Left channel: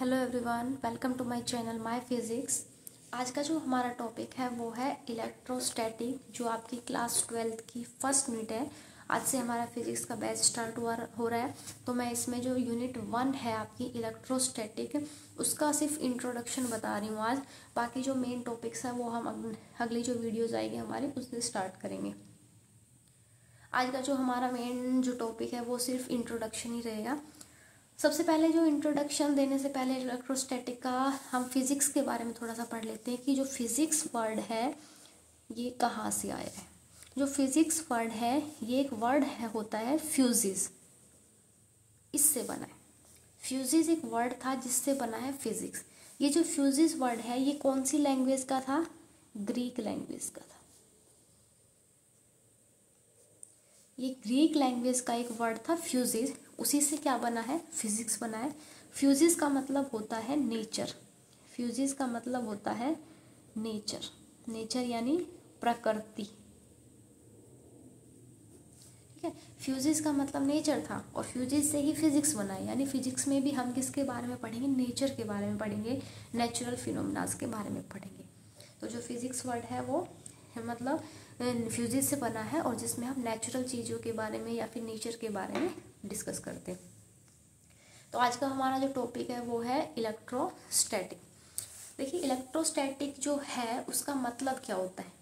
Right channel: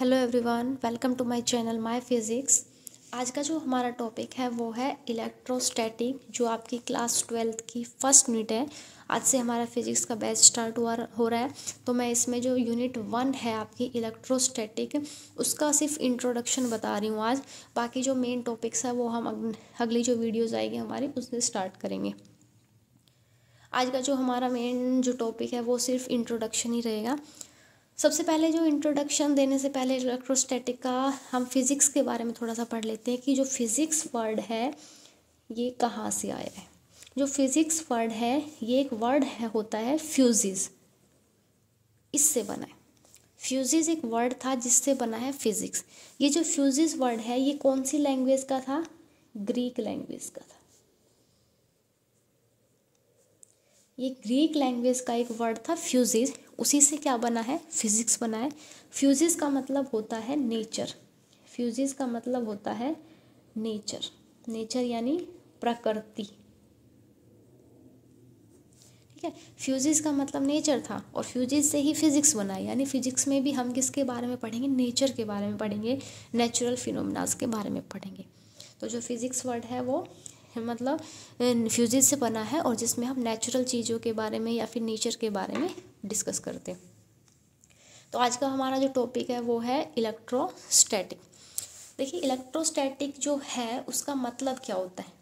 Hello everyone, welcome to my channel my physics. आज का जो हमारा टॉपिक है वो है इलेक्ट्रोस्टैटिक, जो आपकी क्लास 12th की फर्स्ट यूनिट है। आज से हमारा फिज़िक्स का बैच स्टार्ट हो रहा है। तो मैं इसमें जो यूनिट 1 है आपकी इलेक्ट्रोस्टैटिक, उसका सिर्फ इंट्रोडक्शन बता रही हूँ आज। बाकी जो मेन टॉपिक्स है वो हम अगली जो वीडियोज़ आएगी हमारी उससे स्टार्ट करेंगे। आज का जो हमारा मेन जो टॉपिक है वो सिर्फ इंट्रोडक्शन ही रहेगा। सबसे पहले जो इंट्रोडक्शन देने से पहले इलेक्ट्रोस्टैटिक का हम फिज़िक्स के बारे में थोड़ा सा पढ़ लेते हैं कि जो फिज़िक्स वर्ड है ये कहाँ से आया है। जो फिज़िक्स वर्ड है ये एक वर्ड होता है फ्यूजिस, इससे बना है। फ्यूजिस एक वर्ड था जिससे बना है फिज़िक्स। ये जो फ्यूजिस वर्ड है ये कौन सी लैंग्वेज का था? ग्रीक लैंग्वेज का था। ये ग्रीक लैंग्वेज का एक वर्ड था फ्यूजिस, उसी से क्या बना है? फिजिक्स बना है। फ्यूजिस का मतलब होता है नेचर। फ्यूजिस का मतलब होता है नेचर। नेचर यानी प्रकृति। ठीक है, फ्यूजिस का मतलब नेचर था और फ्यूजिस से ही फिजिक्स बना है। यानी फिजिक्स में भी हम किसके बारे में पढ़ेंगे? नेचर के बारे में पढ़ेंगे, नेचुरल फिनोमेनास के बारे में पढ़ेंगे। तो जो फिजिक्स वर्ड है वो मतलब फ्यूजिस से बना है और जिसमें हम नेचुरल चीज़ों के बारे में या फिर नेचर के बारे में डिस्कस करते हैं। तो आज का हमारा जो टॉपिक है वो है इलेक्ट्रोस्टैटिक। देखिए, इलेक्ट्रोस्टैटिक जो है उसका मतलब क्या होता है?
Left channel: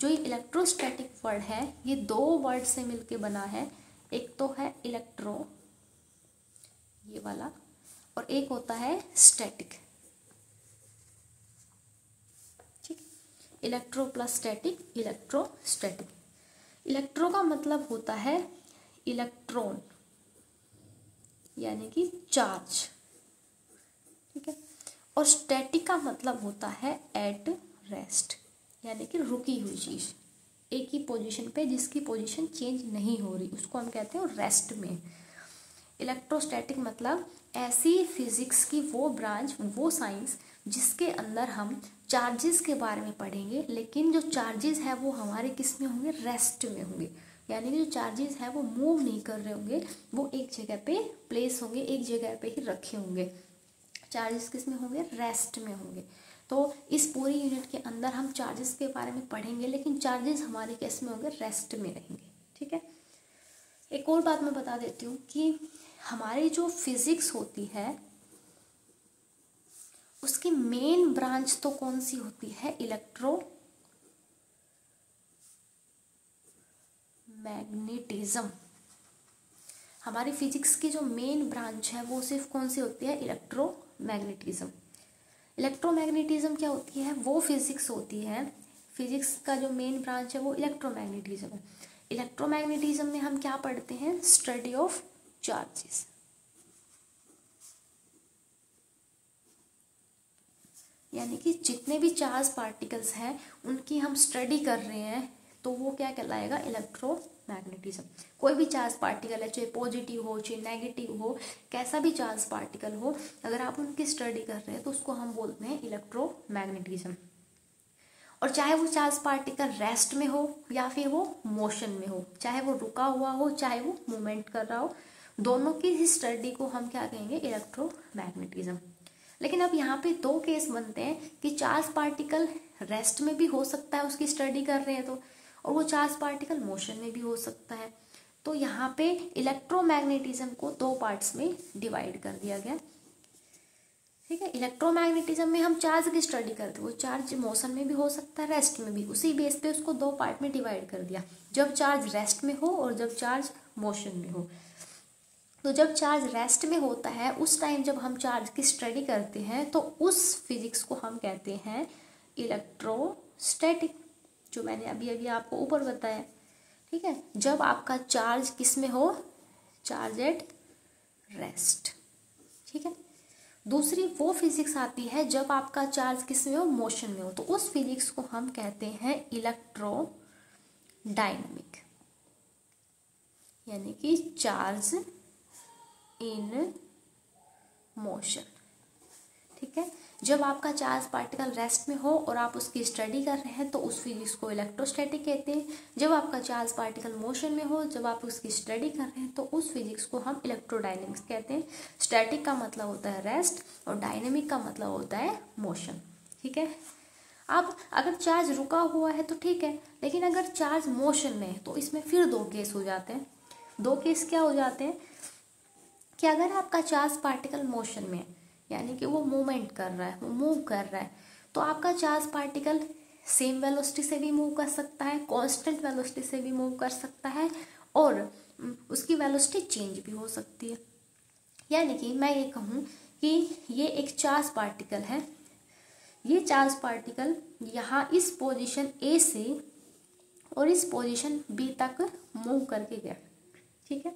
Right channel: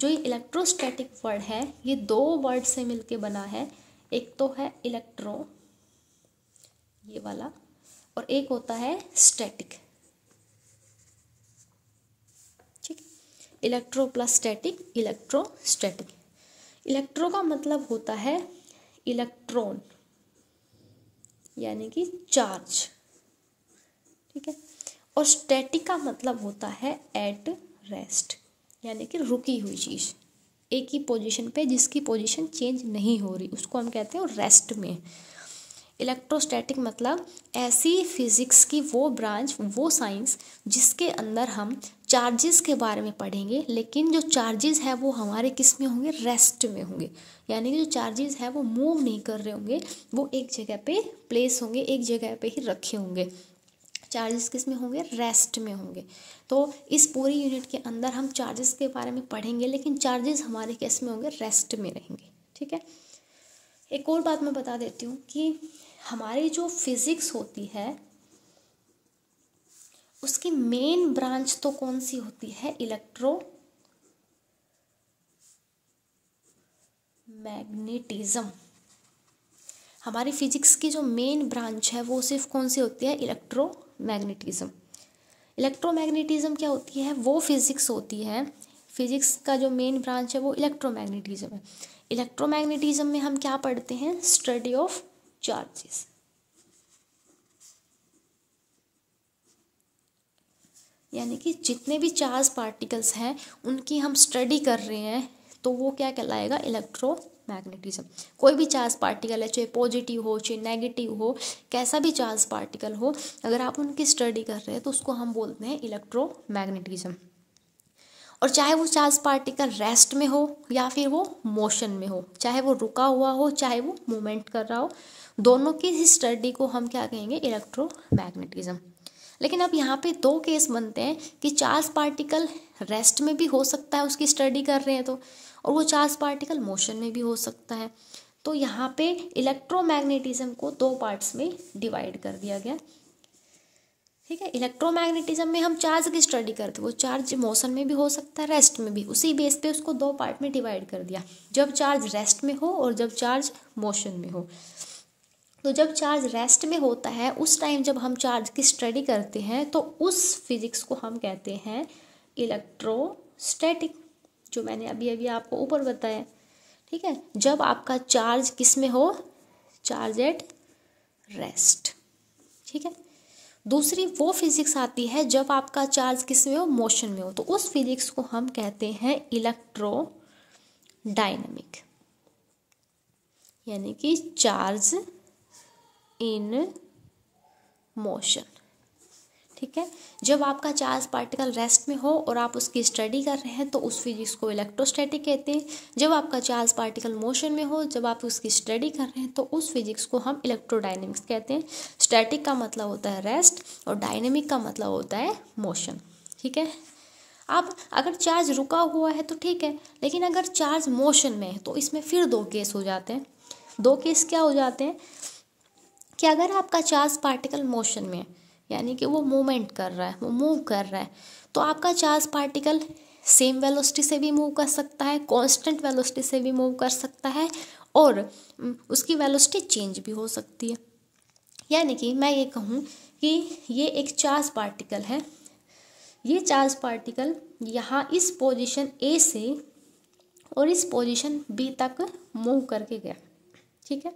जो ये इलेक्ट्रोस्टैटिक वर्ड है ये दो वर्ड से मिलके बना है। एक तो है इलेक्ट्रो, ये वाला, और एक होता है static. Electro plus static, electrostatic. Electro का मतलब होता है इलेक्ट्रॉन यानी कि चार्ज। ठीक है, और स्टैटिक का मतलब होता है एट रेस्ट यानी कि रुकी हुई चीज, एक ही पोजीशन पे जिसकी पोजीशन चेंज नहीं हो रही, उसको हम कहते हैं रेस्ट में। इलेक्ट्रोस्टैटिक मतलब ऐसी फिजिक्स की वो ब्रांच, वो साइंस जिसके अंदर हम चार्जेस के बारे में पढ़ेंगे, लेकिन जो चार्जेस है वो हमारे किस में होंगे? रेस्ट में होंगे। यानी कि जो चार्जेस है वो मूव नहीं कर रहे होंगे, वो एक जगह पे प्लेस होंगे, एक जगह पे ही रखे होंगे। चार्जेस किस में होंगे? रेस्ट में होंगे। तो इस पूरी यूनिट के अंदर हम चार्जेस के बारे में पढ़ेंगे, लेकिन चार्जेस हमारे किस में होंगे? रेस्ट में रहेंगे। ठीक है, एक और बात मैं बता देती हूँ कि हमारी जो फिजिक्स होती है उसकी मेन ब्रांच तो कौन सी होती है? Electro magnetism. हमारी फिजिक्स की जो मेन ब्रांच है वो सिर्फ कौन सी होती है? इलेक्ट्रोमैग्नेटिज्म। इलेक्ट्रोमैग्नेटिज्म क्या होती है? वो फिजिक्स होती है, फिजिक्स का जो मेन ब्रांच है वो इलेक्ट्रोमैग्नेटिज्म है। इलेक्ट्रोमैग्नेटिज्म में हम क्या पढ़ते हैं? Study of charges. यानी कि जितने भी चार्ज पार्टिकल्स हैं उनकी हम स्टडी कर रहे हैं, तो वो क्या कहलाएगा? इलेक्ट्रोमैग्नेटिज्म। कोई भी चार्ज पार्टिकल है, चाहे पॉजिटिव हो चाहे नेगेटिव हो, कैसा भी चार्ज पार्टिकल हो, अगर आप उनकी स्टडी कर रहे हैं तो उसको हम बोलते हैं इलेक्ट्रोमैग्नेटिज्म। और चाहे वो चार्ज पार्टिकल रेस्ट में हो या फिर वो मोशन में हो, चाहे वो रुका हुआ हो चाहे वो मूवमेंट कर रहा हो, दोनों की ही स्टडी को हम क्या कहेंगे? इलेक्ट्रोमैग्नेटिज्म। लेकिन अब यहाँ पे दो केस बनते हैं कि चार्ज पार्टिकल रेस्ट में भी हो सकता है, उसकी स्टडी कर रहे हैं तो, और वो चार्ज पार्टिकल मोशन में भी हो सकता है। तो यहाँ पे इलेक्ट्रोमैग्नेटिज्म को दो पार्ट्स में डिवाइड कर दिया गया। ठीक है, इलेक्ट्रोमैग्नेटिज्म में हम चार्ज की स्टडी करते हैं, वो चार्ज मोशन में भी हो सकता है, रेस्ट में भी। उसी बेस पे उसको दो पार्ट में डिवाइड कर दिया, जब चार्ज रेस्ट में हो और जब चार्ज मोशन में हो। तो जब चार्ज रेस्ट में होता है उस टाइम जब हम चार्ज की स्टडी करते हैं तो उस फिजिक्स को हम कहते हैं इलेक्ट्रोस्टैटिक, जो मैंने अभी अभी आपको ऊपर बताया। ठीक है, जब आपका चार्ज किस में हो? Charge at rest. ठीक है, दूसरी वो फिजिक्स आती है जब आपका चार्ज किस में हो? मोशन में हो, तो उस फिजिक्स को हम कहते हैं इलेक्ट्रोडायनामिक, यानी कि चार्ज इन मोशन। ठीक है। जब आपका चार्ज पार्टिकल रेस्ट में हो और आप उसकी स्टडी कर रहे हैं तो उस फिजिक्स को इलेक्ट्रोस्टैटिक कहते हैं। जब आपका चार्ज पार्टिकल मोशन में हो, जब आप उसकी स्टडी कर रहे हैं तो उस फिजिक्स को हम इलेक्ट्रोडायनेमिक्स कहते हैं। स्टैटिक का मतलब होता है रेस्ट और डायनेमिक का मतलब होता है मोशन, ठीक है। अब अगर चार्ज रुका हुआ है तो ठीक है, लेकिन अगर चार्ज मोशन में है तो इसमें फिर दो केस हो जाते हैं। दो केस क्या हो जाते हैं कि अगर आपका चार्ज पार्टिकल मोशन में है, यानी कि वो मूवमेंट कर रहा है, वो मूव कर रहा है, तो आपका चार्ज पार्टिकल सेम वेलोसिटी से भी मूव कर सकता है, कांस्टेंट वेलोसिटी से भी मूव कर सकता है, और उसकी वेलोसिटी चेंज भी हो सकती है। यानी कि मैं ये कहूँ कि ये एक चार्ज पार्टिकल है, ये चार्ज पार्टिकल यहाँ इस पोजीशन ए से और इस पोजीशन बी तक मूव करके गया, ठीक है।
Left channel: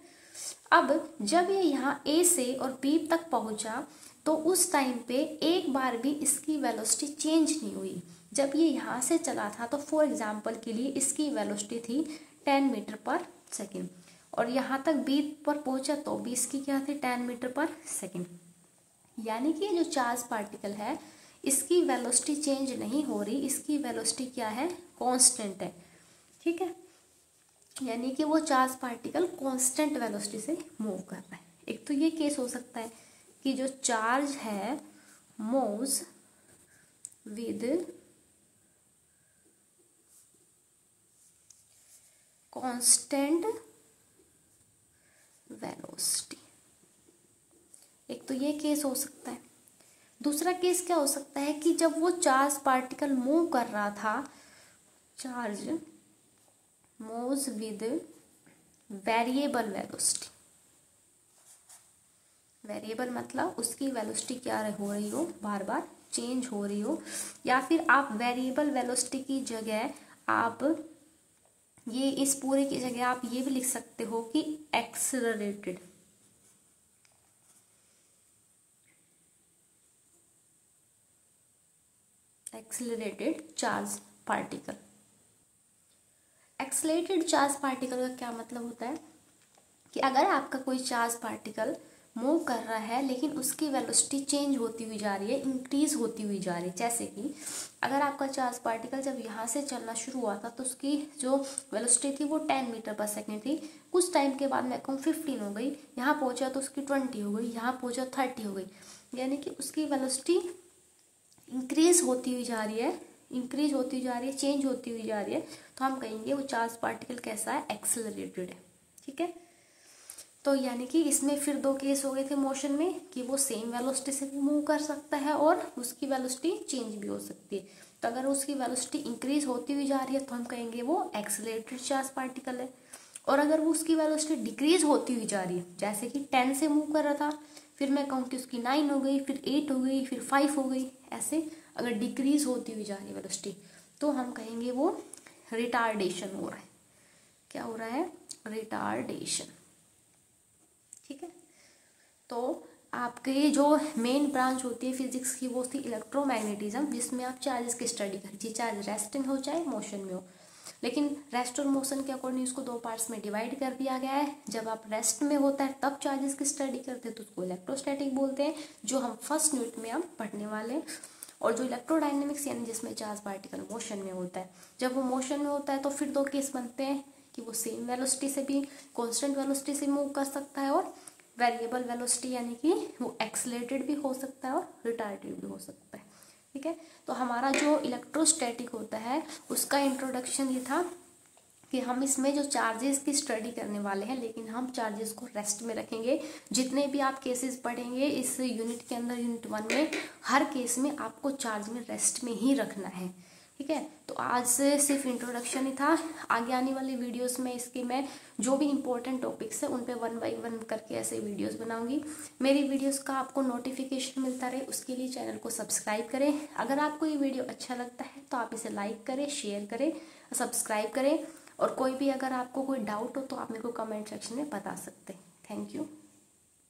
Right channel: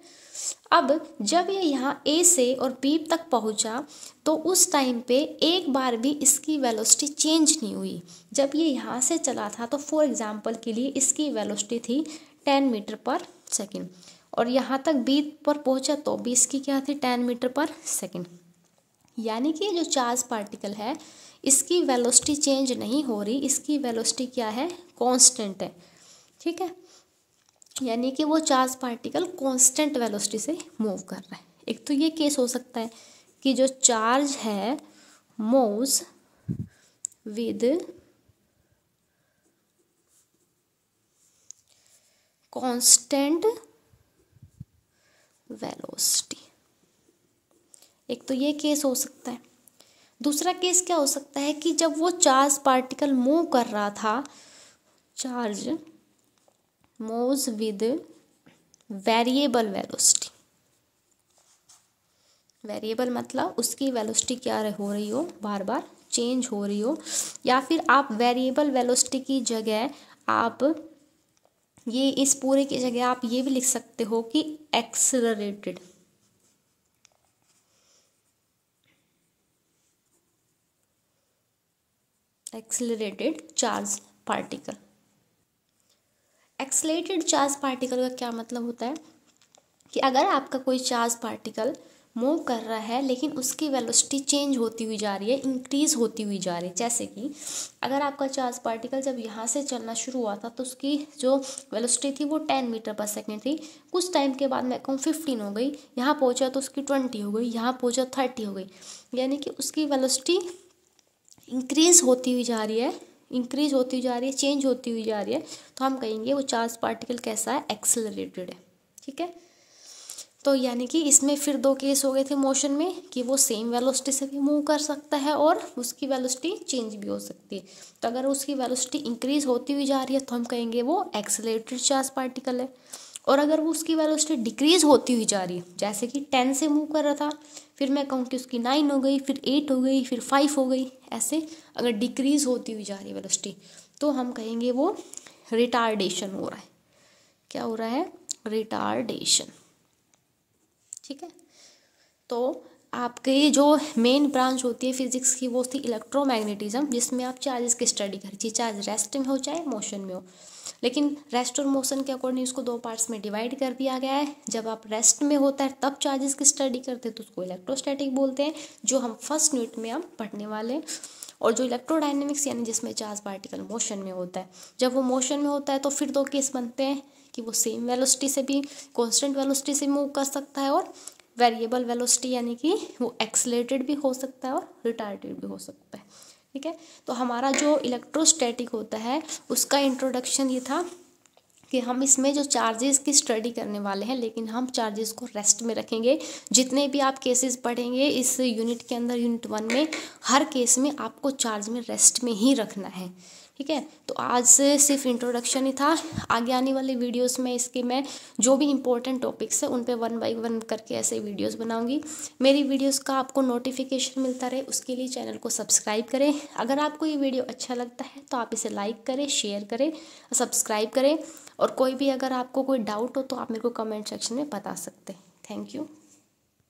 अब जब ये यहाँ ए से और बी तक पहुँचा तो उस टाइम पे एक बार भी इसकी वेलोसिटी चेंज नहीं हुई। जब ये यहाँ से चला था तो फॉर एग्जांपल के लिए इसकी वेलोसिटी थी 10 मीटर पर सेकेंड, और यहाँ तक बी पर पहुँचा तो भी इसकी क्या थी 10 मीटर पर सेकेंड। यानी कि जो चार्ज पार्टिकल है इसकी वेलोसिटी चेंज नहीं हो रही, इसकी वेलोसिटी क्या है, कांस्टेंट है, ठीक है। यानी कि वो चार्ज पार्टिकल कांस्टेंट वेलोसिटी से मूव कर रहा है। एक तो ये केस हो सकता है कि जो चार्ज है मूव्स विद कांस्टेंट वेलोसिटी, एक तो ये केस हो सकता है। दूसरा केस क्या हो सकता है कि जब वो चार्ज पार्टिकल मूव कर रहा था, charge moves with variable velocity. Variable मतलब उसकी वेलोसिटी क्या हो रही हो, बार बार चेंज हो रही हो, या फिर आप वेरिएबल वेलोसिटी की जगह आप ये इस पूरे की जगह आप ये भी लिख सकते हो कि accelerated charge particle. Accelerated charge particle का क्या मतलब होता है कि अगर आपका कोई चार्ज पार्टिकल मूव कर रहा है लेकिन उसकी वेलोसिटी चेंज होती हुई जा रही है, इंक्रीज होती हुई जा रही है। जैसे कि अगर आपका चार्ज पार्टिकल जब यहाँ से चलना शुरू हुआ था तो उसकी जो वेलोसिटी थी वो 10 मीटर पर सेकेंड थी, कुछ टाइम के बाद मैं कहूँ 15 हो गई, यहाँ पहुँचा तो उसकी 20 हो गई, यहाँ पहुँचा 30 हो गई। यानी कि उसकी वेलोसिटी इंक्रीज होती हुई जा रही है, इंक्रीज होती हुई जा रही है, चेंज होती हुई जा रही है, तो हम कहेंगे वो चार्ज पार्टिकल कैसा है, एक्सेलरेटेड है, ठीक है। तो यानी कि इसमें फिर दो केस हो गए थे मोशन में कि वो सेम वेलोसिटी से भी मूव कर सकता है और उसकी वेलोसिटी चेंज भी हो सकती है। तो अगर उसकी वेलोसिटी इंक्रीज होती हुई जा रही है तो हम कहेंगे वो एक्सेलरेटेड चार्ज पार्टिकल है, और अगर वो उसकी वेलोसिटी डिक्रीज होती हुई जा रही है, जैसे कि 10 से मूव कर रहा था, फिर मैं कहूँ कि उसकी 9 हो गई, फिर 8 हो गई, फिर 5 हो गई, ऐसे अगर डिक्रीज होती हुई जा रही है वेलोसिटी तो हम कहेंगे वो रिटार्डेशन हो रहा है। क्या हो रहा है, रिटार्डेशन, ठीक है। तो आपकी जो मेन ब्रांच होती है फिजिक्स की वो थी इलेक्ट्रोमैग्नेटिज्म, जिसमें आप चार्जेस की स्टडी करिए, चार्ज रेस्ट में हो चाहे मोशन में हो। लेकिन रेस्ट और मोशन के अकॉर्डिंग उसको दो पार्ट्स में डिवाइड कर दिया गया है। जब आप रेस्ट में होता है तब चार्जेस की स्टडी करते हैं तो उसको इलेक्ट्रोस्टैटिक बोलते हैं, जो हम फर्स्ट यूनिट में हम पढ़ने वाले हैं। और जो इलेक्ट्रोडायनेमिक्स यानी जिसमें चार्ज पार्टिकल मोशन में होता है, जब वो मोशन में होता है तो फिर दो केस बनते हैं कि वो सेम वेलोसिटी से भी कांस्टेंट वेलोसिटी से मूव कर सकता है, और वेरिएबल वेलोसिटी यानी कि वो एक्सेलरेटेड भी हो सकता है और रिटार्डेड भी हो सकता है, ठीक है। तो हमारा जो इलेक्ट्रोस्टैटिक होता है उसका इंट्रोडक्शन ये था कि हम इसमें जो चार्जेस की स्टडी करने वाले हैं, लेकिन हम चार्जेस को रेस्ट में रखेंगे। जितने भी आप केसेस पढ़ेंगे इस यूनिट के अंदर, यूनिट 1 में, हर केस में आपको चार्ज में रेस्ट में ही रखना है, ठीक है। तो आज से सिर्फ इंट्रोडक्शन ही था। आगे आने वाले वीडियोस में इसके मैं जो भी इंपॉर्टेंट टॉपिक्स हैं उन पे 1 बाय 1 करके ऐसे वीडियोस बनाऊंगी। मेरी वीडियोस का आपको नोटिफिकेशन मिलता रहे उसके लिए चैनल को सब्सक्राइब करें। अगर आपको ये वीडियो अच्छा लगता है तो आप इसे लाइक करें, शेयर करें, सब्सक्राइब करें, और कोई भी अगर आपको कोई डाउट हो तो आप मेरे को कमेंट सेक्शन में बता सकते हैं। Thank you.